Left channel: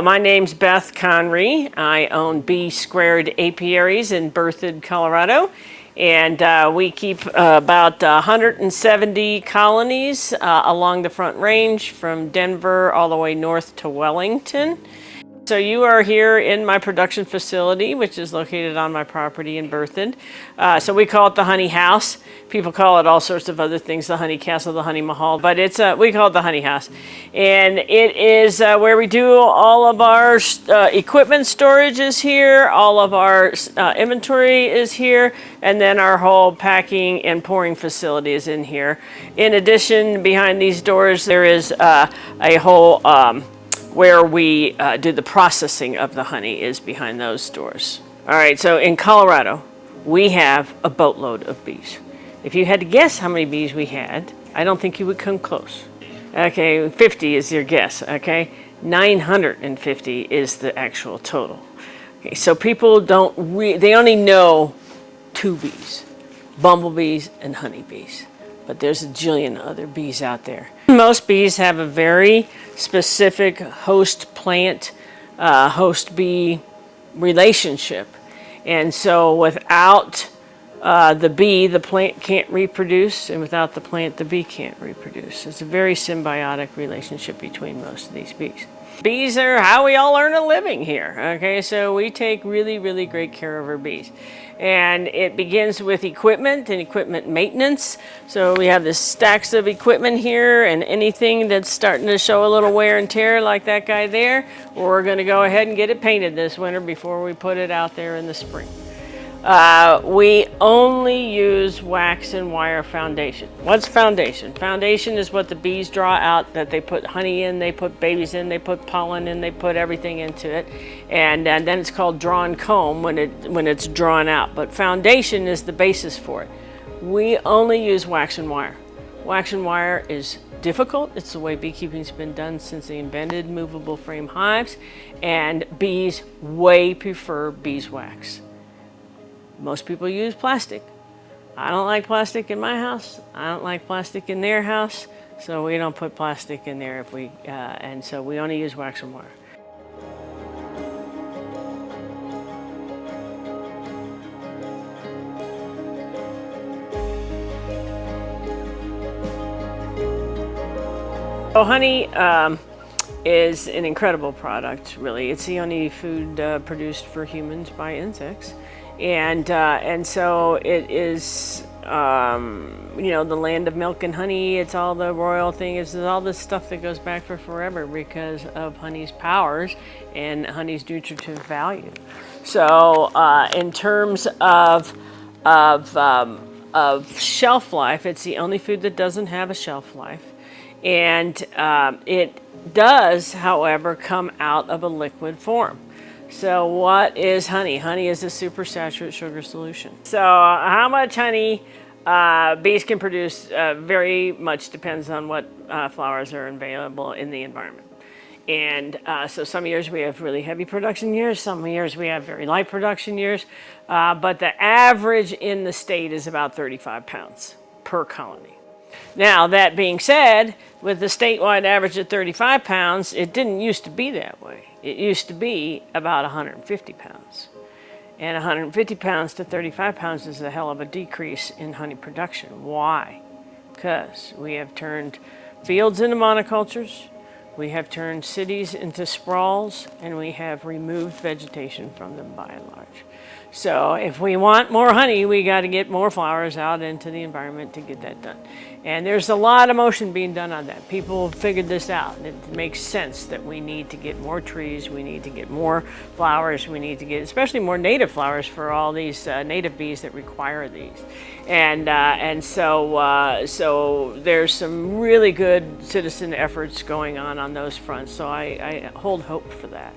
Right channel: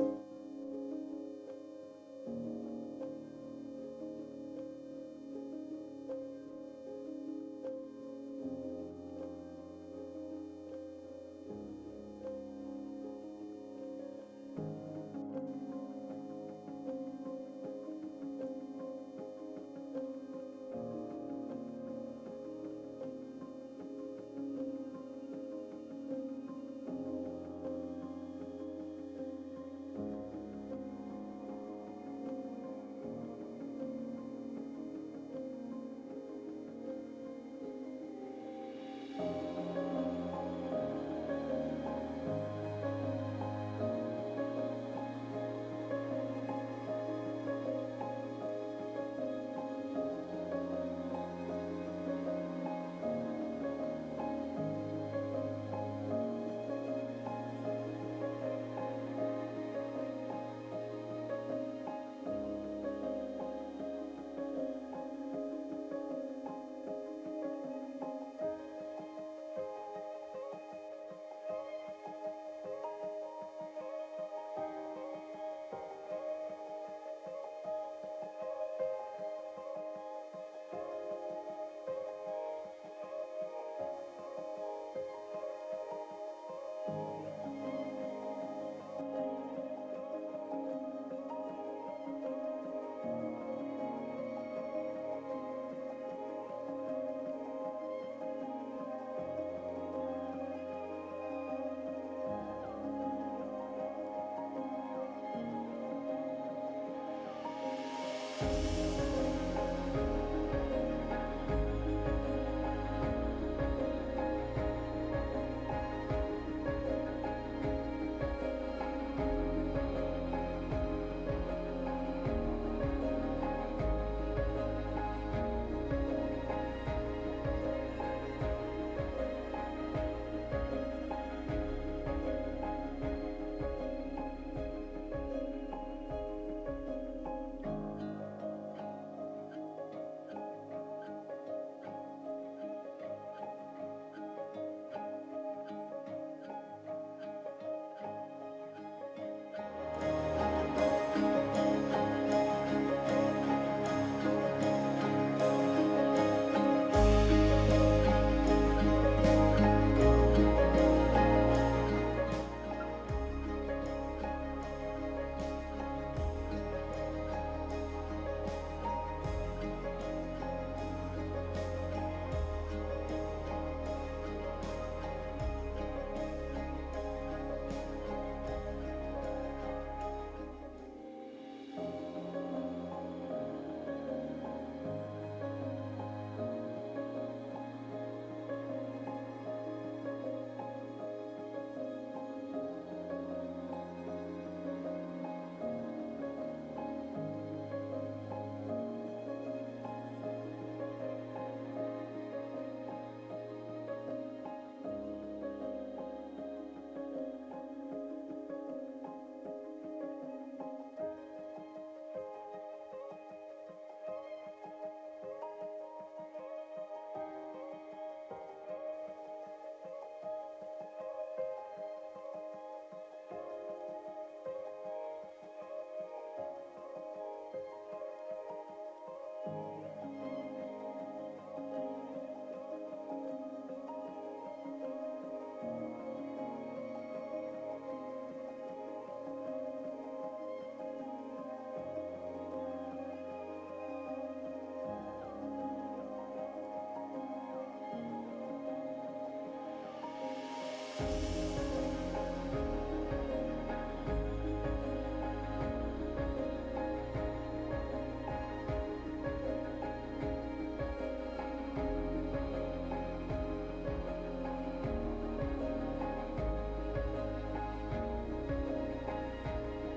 My name's Beth Conrey. I own Bee Squared Apiaries in Berthoud, Colorado. And we keep about 170 colonies along the Front Range from Denver all the way north to Wellington. So you are here in my production facility, which is located on my property in Berthoud. So we call it the Honey House. People call it all sorts of other things, the Honey Castle, the Honey Mahal, but we call it the Honey House. And it is where we do all of our equipment storage is here, all of our inventory is here, and then our whole packing and pouring facility is in here. In addition, behind these doors, there is a whole where we do the processing of the honey is behind those doors. All right, so in Colorado, we have a boatload of bees. If you had to guess how many bees we had, I don't think you would come close. Okay, 50 is your guess, okay? 950 is the actual total. Okay, so people they only know two bees, bumblebees and honeybees. But there's a jillion other bees out there. Most bees have a very specific host plant, host bee relationship. And so without the bee, the plant can't reproduce, and without the plant, the bee can't reproduce. It's a very symbiotic relationship between most of these bees. Bees are how we all earn a living here, okay? So we take really, really great care of our bees. And it begins with equipment and equipment maintenance. So we have this stacks of equipment here, and anything that's starting to show a little wear and tear like that guy there, we're gonna go ahead and get it painted this winter before we put it out there in the spring. We only use wax and wire foundation. What's foundation? Foundation is what the bees draw out, that they put honey in, they put babies in, they put pollen in, they put everything into it. And then it's called drawn comb when it's drawn out. But foundation is the basis for it. We only use wax and wire. Wax and wire is difficult. It's the way beekeeping's been done since they invented movable frame hives. And bees way prefer beeswax. Most people use plastic. I don't like plastic in my house. I don't like plastic in their house, so we don't put plastic in there and so we only use wax and wire. So honey is an incredible product, really. It's the only food produced for humans by insects. And so it is, the land of milk and honey. It's all the royal thing. It's all this stuff that goes back for forever because of honey's powers and honey's nutritive value. So in terms of shelf life, it's the only food that doesn't have a shelf life. And it does, however, come out of a liquid form. So what is honey? Honey is a supersaturated sugar solution. So how much honey bees can produce very much depends on what flowers are available in the environment. And so some years we have really heavy production years, some years we have very light production years, but the average in the state is about 35 pounds per colony. Now, that being said, with the statewide average of 35 pounds, it didn't used to be that way. It used to be about 150 pounds. And 150 pounds to 35 pounds is a hell of a decrease in honey production. Why? Because we have turned fields into monocultures, we have turned cities into sprawls, and we have removed vegetation from them by and large. So if we want more honey, we got to get more flowers out into the environment to get that done. And there's a lot of motion being done on that. People figured this out. It makes sense that we need to get more trees, we need to get more flowers, we need to get especially more native flowers for all these native bees that require these. And so there's some really good citizen efforts going on those fronts. So I hold hope for that.